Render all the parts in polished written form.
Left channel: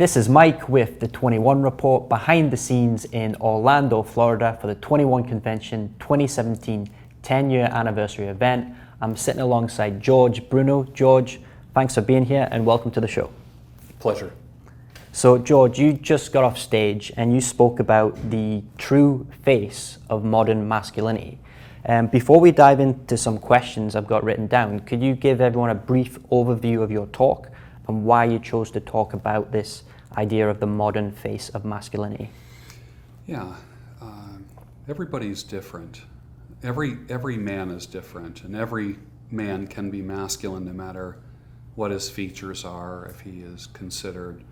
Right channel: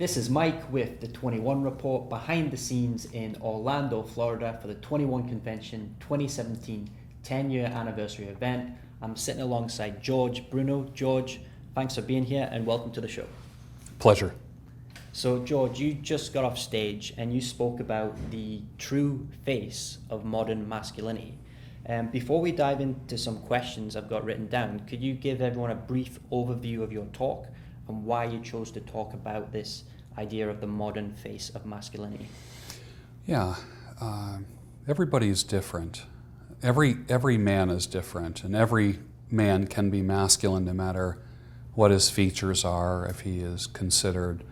This is Mike with the 21 Report, behind the scenes in Orlando, Florida for the 21 Convention 2017 10-year anniversary event. I'm sitting alongside Bruno. George, thanks for being here and welcome to the show. Pleasure. So George, you just got off stage and you spoke about the true face of modern masculinity. Before we dive into some questions I've got written down, could you give everyone a brief overview of your talk and why you chose to talk about this idea of the modern face of masculinity? Yeah, everybody's different. Every man is different, and every man can be masculine no matter what his features are, if he is considered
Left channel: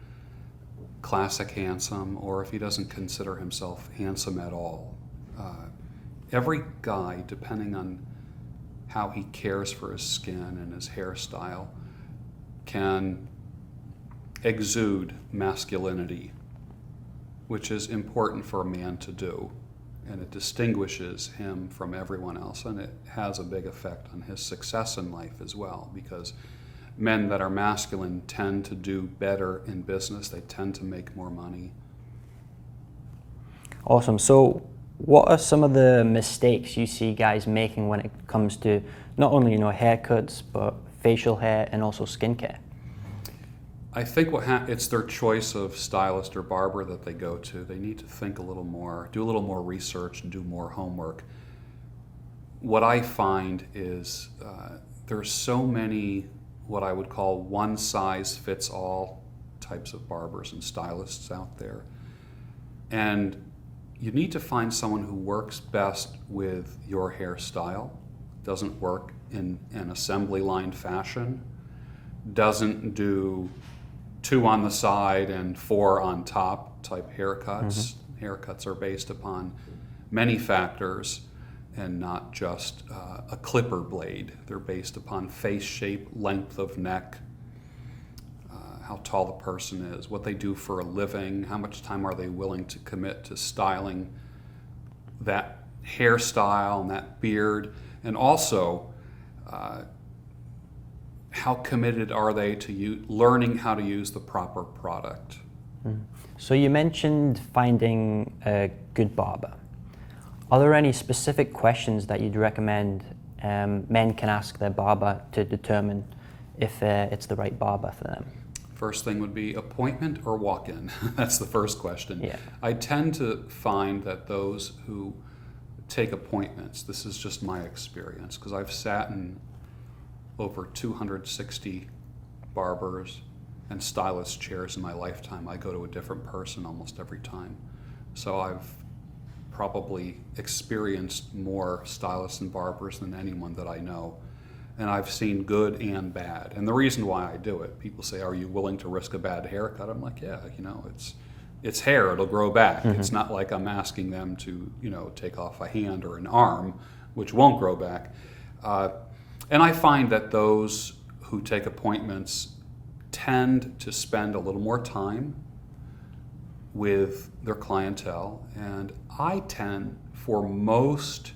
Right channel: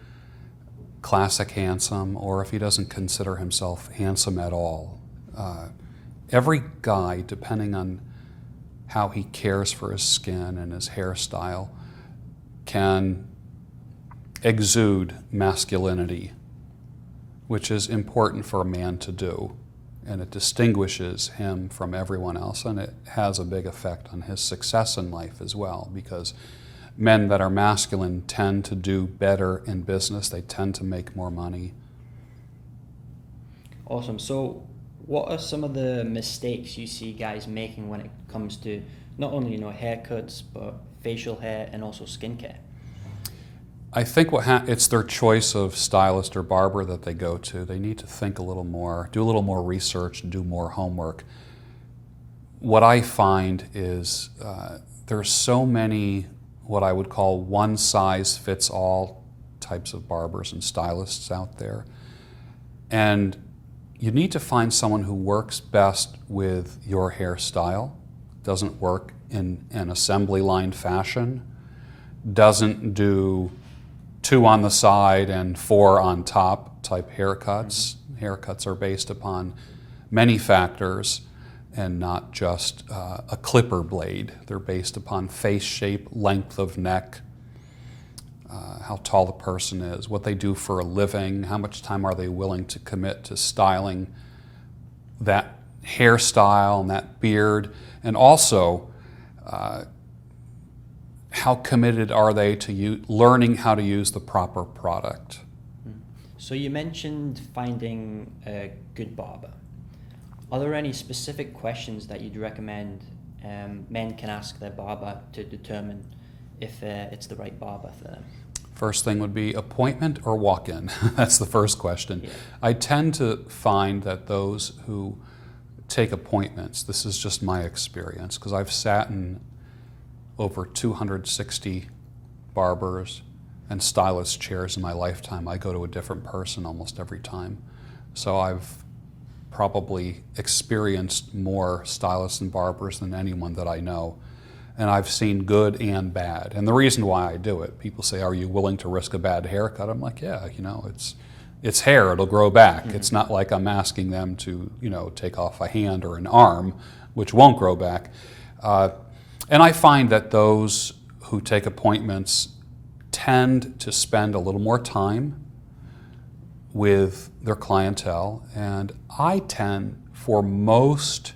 classic handsome or if he doesn't consider himself handsome at all. Every guy, depending on how he cares for his skin and his hairstyle, can exude masculinity, which is important for a man to do, and it distinguishes him from everyone else, and it has a big effect on his success in life as well, because men that are masculine tend to do better in business. They tend to make more money. Awesome. So what are some of the mistakes you see guys making when it comes to not only haircuts, but facial hair and also skincare? I think it's their choice of stylist or barber that they go to. They need to think a little more, do a little more research and do more homework. What I find is there's so many what I would call one-size-fits-all types of barbers and stylists out there. And you need to find someone who works best with your hairstyle, doesn't work in an assembly line fashion, doesn't do 2 on the side and 4 on top type haircuts. Haircuts are based upon many factors and not just a clipper blade. They're based upon face shape, length of neck, how tall the person is, what they do for a living, how much time are they willing to commit to styling that hairstyle and that beard, and also how committed are they to learning how to use the proper product. So you mentioned finding a good barber. Are there any specific questions that you'd recommend men can ask their barber to determine if it's the right barber for them? First thing would be appointment or walk-in. That's the first question. Yeah. I tend to find that those who take appointments, this is just my experience, because I've sat in over 260 barbers and stylist chairs in my lifetime. I go to a different person almost every time. So I've probably experienced more stylists and barbers than anyone that I know. And I've seen good and bad. And the reason why I do it, people say, are you willing to risk a bad haircut? I'm like, yeah, it's hair, it'll grow back. It's not like I'm asking them to, take off a hand or an arm, which won't grow back. And I find that those who take appointments tend to spend a little more time with their clientele, and I tend, for most,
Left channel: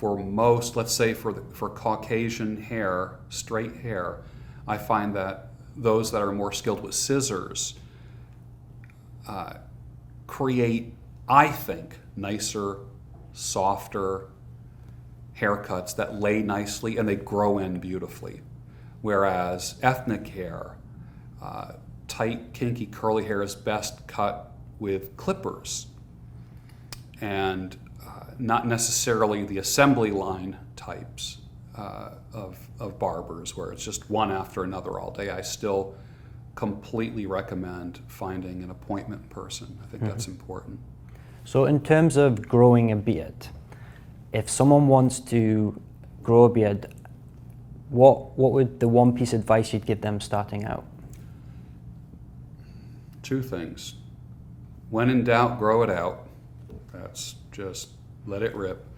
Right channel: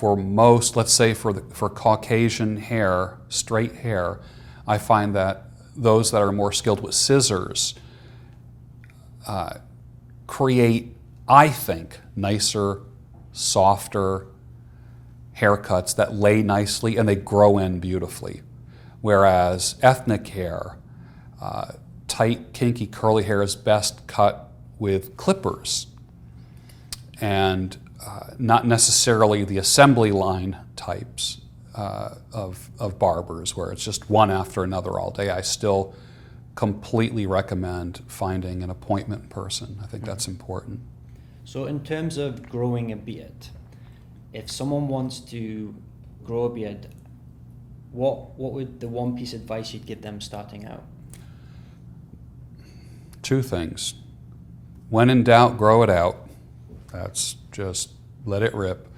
let's say for Caucasian hair, straight hair, I find that those that are more skilled with scissors create, I think, nicer, softer haircuts that lay nicely and they grow in beautifully. Whereas ethnic hair, tight, kinky, curly hair is best cut with clippers and not necessarily the assembly line types of barbers where it's just one after another all day. I still completely recommend finding an appointment person. I think that's important. So in terms of growing a beard, if someone wants to grow a beard, what would the one piece of advice you'd give them starting out? 2 things. When in doubt, grow it out. That's just let it rip.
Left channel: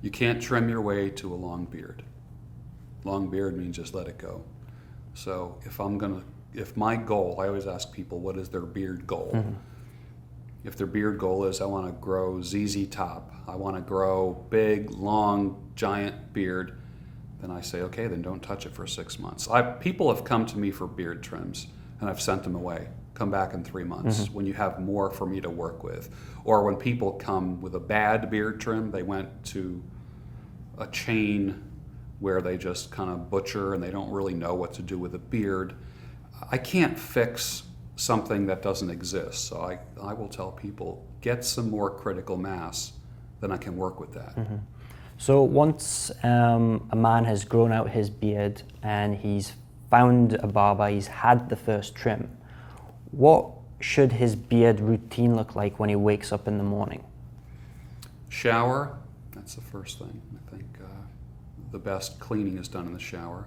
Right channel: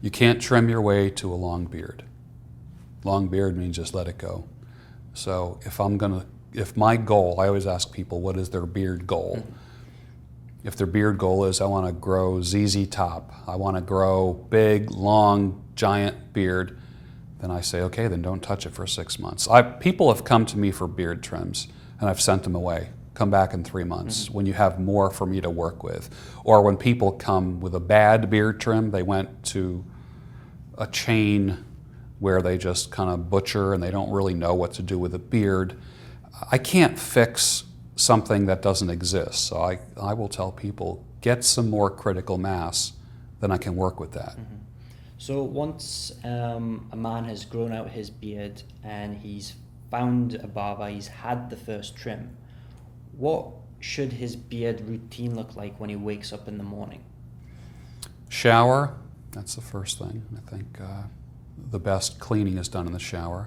You can't trim your way to a long beard. Long beard means just let it go. So if my goal, I always ask people, what is their beard goal? If their beard goal is, I want to grow ZZ top, I want to grow big, long, giant beard, then I say, okay, then don't touch it for 6 months. People have come to me for beard trims, and I've sent them away. come back in 3 months when you have more for me to work with. Or when people come with a bad beard trim, they went to a chain where they just kind of butcher and they don't really know what to do with a beard. I can't fix something that doesn't exist. So I will tell people, get some more critical mass, then I can work with that. So once a man has grown out his beard and he's found a barber, he's had the first trim, what should his beard routine look like when he wakes up in the morning? Shower, that's the first thing. I think the best cleaning is done in the shower.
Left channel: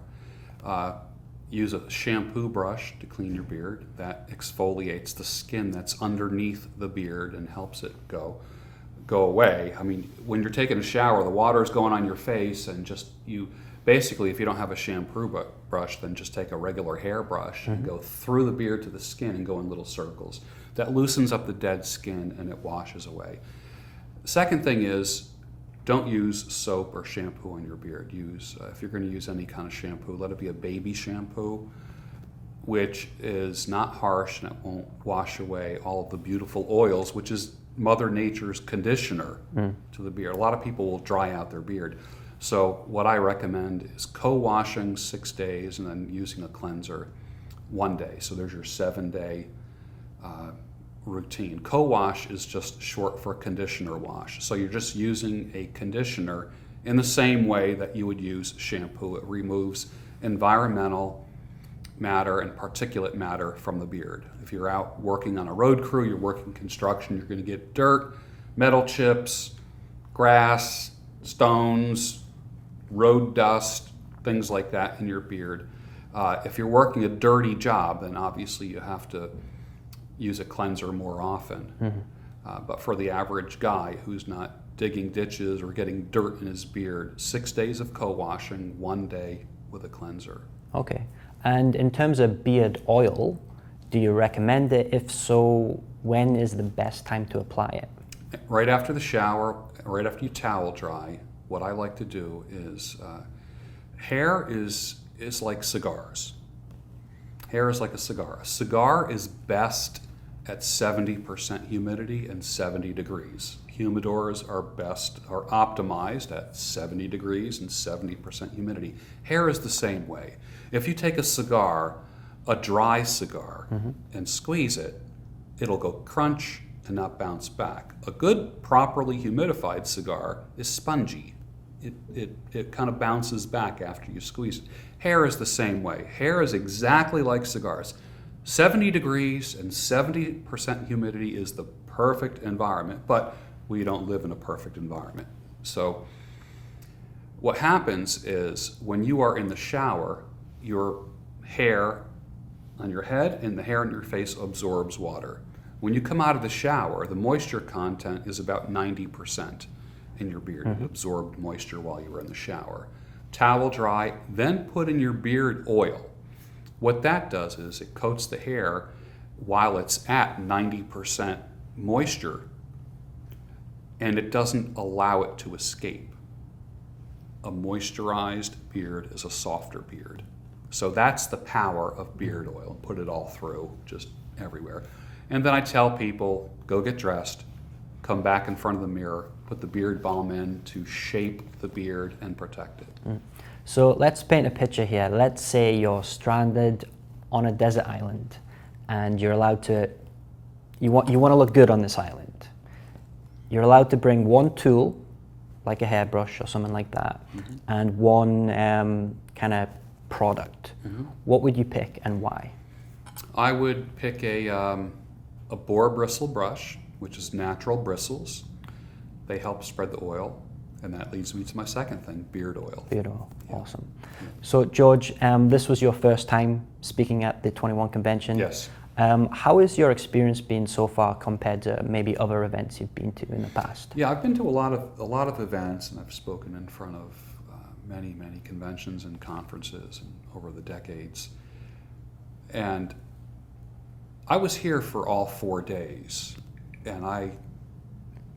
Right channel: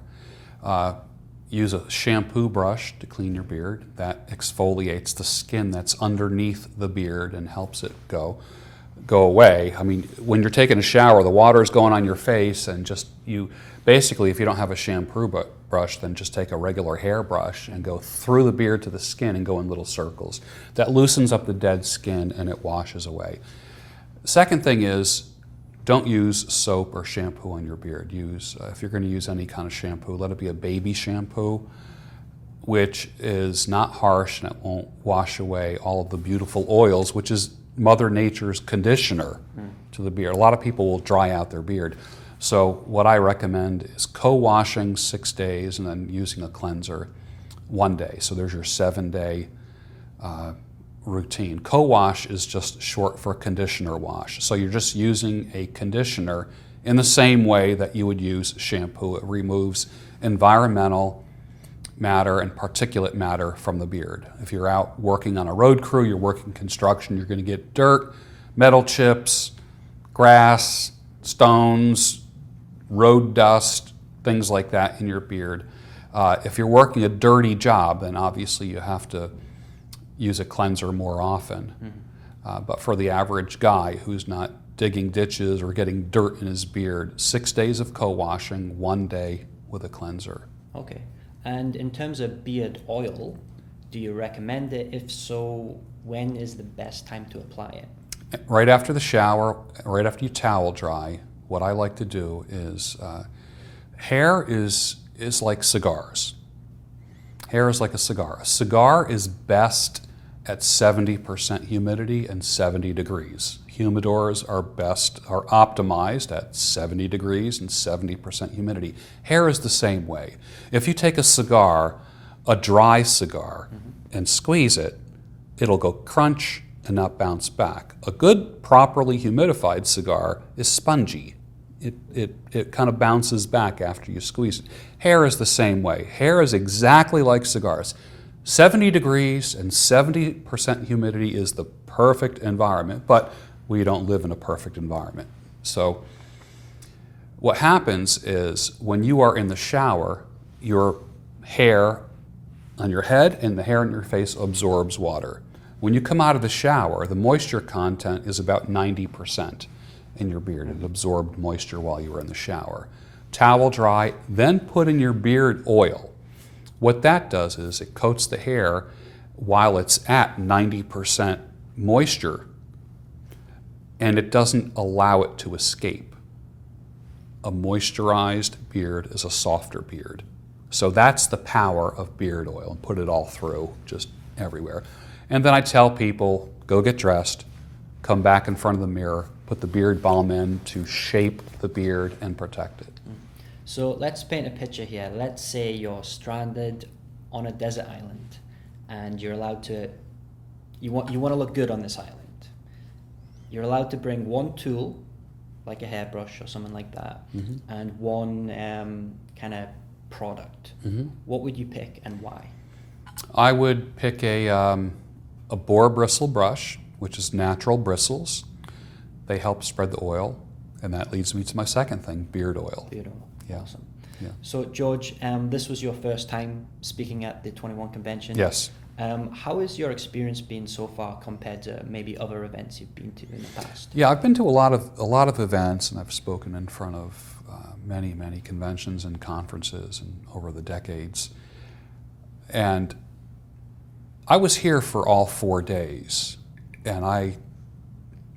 Use a shampoo brush to clean your beard. That exfoliates the skin that's underneath the beard and helps it go away. I mean, when you're taking a shower, the water is going on your face, and basically, if you don't have a shampoo brush, then just take a regular hair brush and go through the beard to the skin and go in little circles. That loosens up the dead skin and it washes away. The second thing is, don't use soap or shampoo on your beard. If you're going to use any kind of shampoo, let it be a baby shampoo, which is not harsh and it won't wash away all of the beautiful oils, which is Mother Nature's conditioner to the beard. A lot of people will dry out their beard. So what I recommend is co-washing 6 days and then using a cleanser 1 day. So there's your 7-day routine. Co-wash is just short for conditioner wash. So you're just using a conditioner in the same way that you would use shampoo. It removes environmental matter and particulate matter from the beard. If you're out working on a road crew, you're working construction, you're going to get dirt, metal chips, grass, stones, road dust, things like that in your beard. If you're working a dirty job, then obviously you have to use a cleanser more often. But for the average guy who's not digging ditches or getting dirt in his beard, 6 days of co-washing, 1 day with a cleanser. Okay. And in terms of beard oil, do you recommend it? If so, when is the best time to apply it? Right after the shower, right after you towel dry, what I like to do is, hair is like cigars. Hair is like a cigar. A cigar is best at 70% humidity and 70 degrees. Humidors are optimized at 70 degrees and 70% humidity. Hair is the same way. If you take a cigar, a dry cigar, and squeeze it, it'll go crunch and not bounce back. A good, properly humidified cigar is spongy. It kind of bounces back after you squeeze it. Hair is the same way. Hair is exactly like cigars. 70 degrees and 70% humidity is the perfect environment, but we don't live in a perfect environment. So what happens is when you are in the shower, your hair on your head and the hair on your face absorbs water. When you come out of the shower, the moisture content is about 90% in your beard. It absorbed moisture while you were in the shower. Towel dry, then put in your beard oil. What that does is it coats the hair while it's at 90% moisture, and it doesn't allow it to escape. A moisturized beard is a softer beard. So that's the power of beard oil, and put it all through, just everywhere. And then I tell people, go get dressed, come back in front of the mirror, put the beard balm in to shape the beard and protect it. So let's paint a picture here. Let's say you're stranded on a desert island and you're allowed to, you want to look good on this island. You're allowed to bring one tool, like a hairbrush or something like that, and one kind of product. What would you pick and why? I would pick a boar bristle brush, which is natural bristles. They help spread the oil, and that leads me to my second thing, beard oil. Beard oil, awesome. Yeah. So George, this was your first time speaking at the 21 convention. Yes. How has your experience been so far compared to maybe other events you've been to in the past? Yeah, I've been to a lot of events, and I've spoken in front of many conventions and conferences and over the decades. And I was here for all 4 days, and I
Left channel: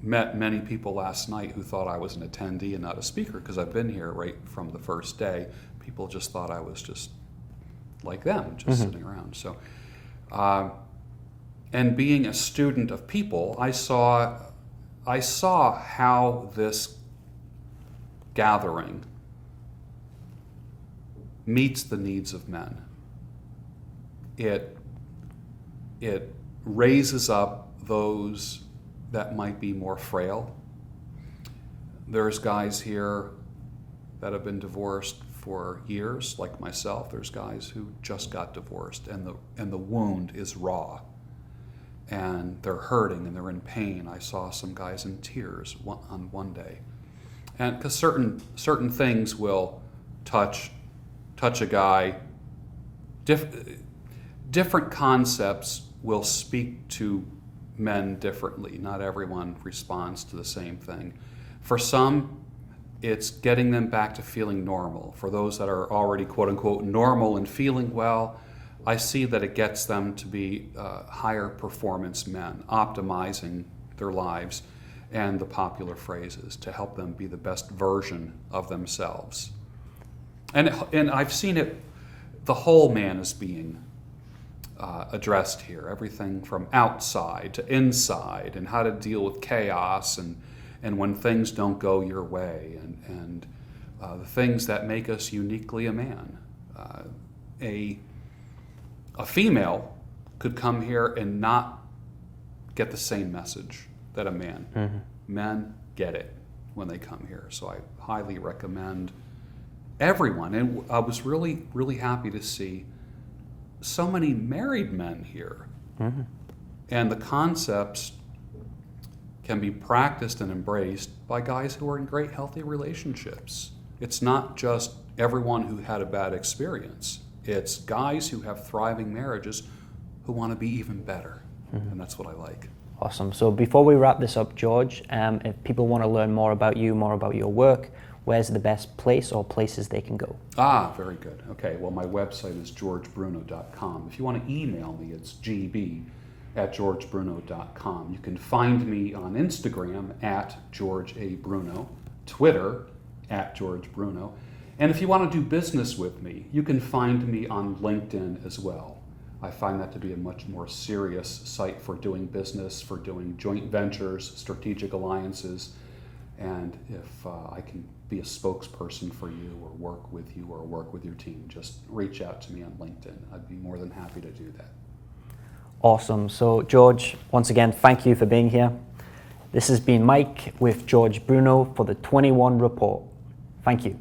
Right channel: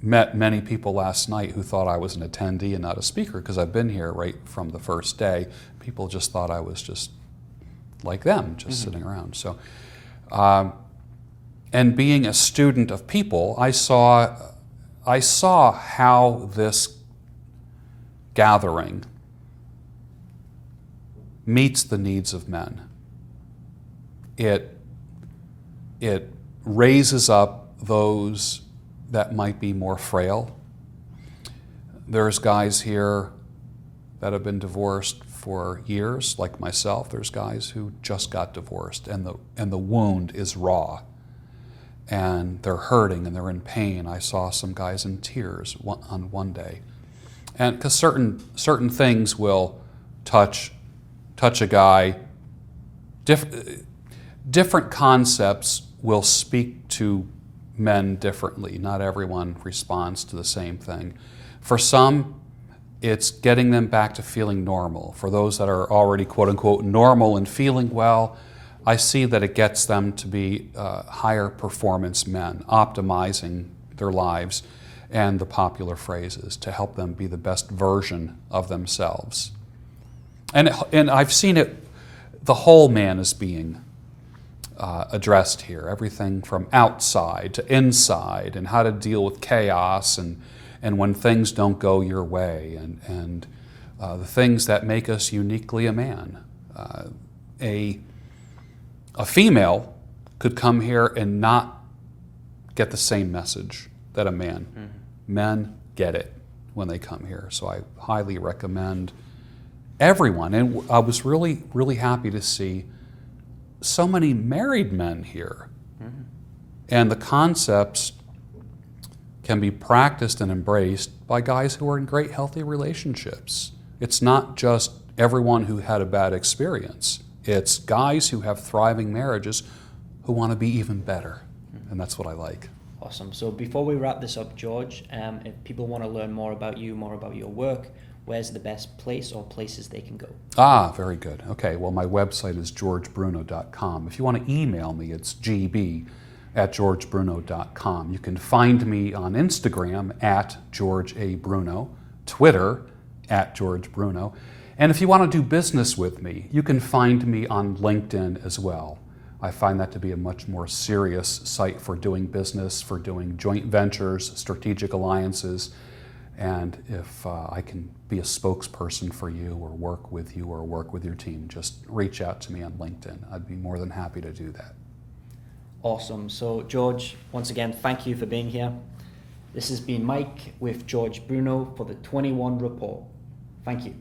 met many people last night who thought I was an attendee and not a speaker, because I've been here right from the first day. People just thought I was just like them, just sitting around. So And being a student of people, I saw how this gathering meets the needs of men. It raises up those that might be more frail. There's guys here that have been divorced for years, like myself. There's guys who just got divorced, and the wound is raw, and they're hurting and they're in pain. I saw some guys in tears on one day, and because certain things will touch a guy. Different concepts will speak to men differently. Not everyone responds to the same thing. For some, it's getting them back to feeling normal. For those that are already quote unquote normal and feeling well, I see that it gets them to be higher performance men, optimizing their lives and the popular phrases to help them be the best version of themselves. And I've seen it, the whole man is being addressed here. Everything from outside to inside, and how to deal with chaos and when things don't go your way, and the things that make us uniquely a man. A female could come here and not get the same message that a man. Mm-hmm. Men get it when they come here. So I highly recommend everyone. And I was really, really happy to see so many married men here. Mm-hmm. And the concepts can be practiced and embraced by guys who are in great, healthy relationships. It's not just everyone who had a bad experience. It's guys who have thriving marriages who want to be even better. Mm-hmm. And that's what I like. Awesome. So before we wrap this up, George, if people want to learn more about you, more about your work, where's the best place or places they can go? Very good. Okay, well, my website is georgebruno.com. If you want to email me, it's gb@georgebruno.com. You can find me on Instagram @GeorgeABruno, Twitter @GeorgeBruno. And if you want to do business with me, you can find me on LinkedIn as well. I find that to be a much more serious site for doing business, for doing joint ventures, strategic alliances. And if I can be a spokesperson for you or work with you or work with your team, just reach out to me on LinkedIn. I'd be more than happy to do that. Awesome. So George, once again, thank you for being here. This has been Mike with George Bruno for the 21 Report. Thank you.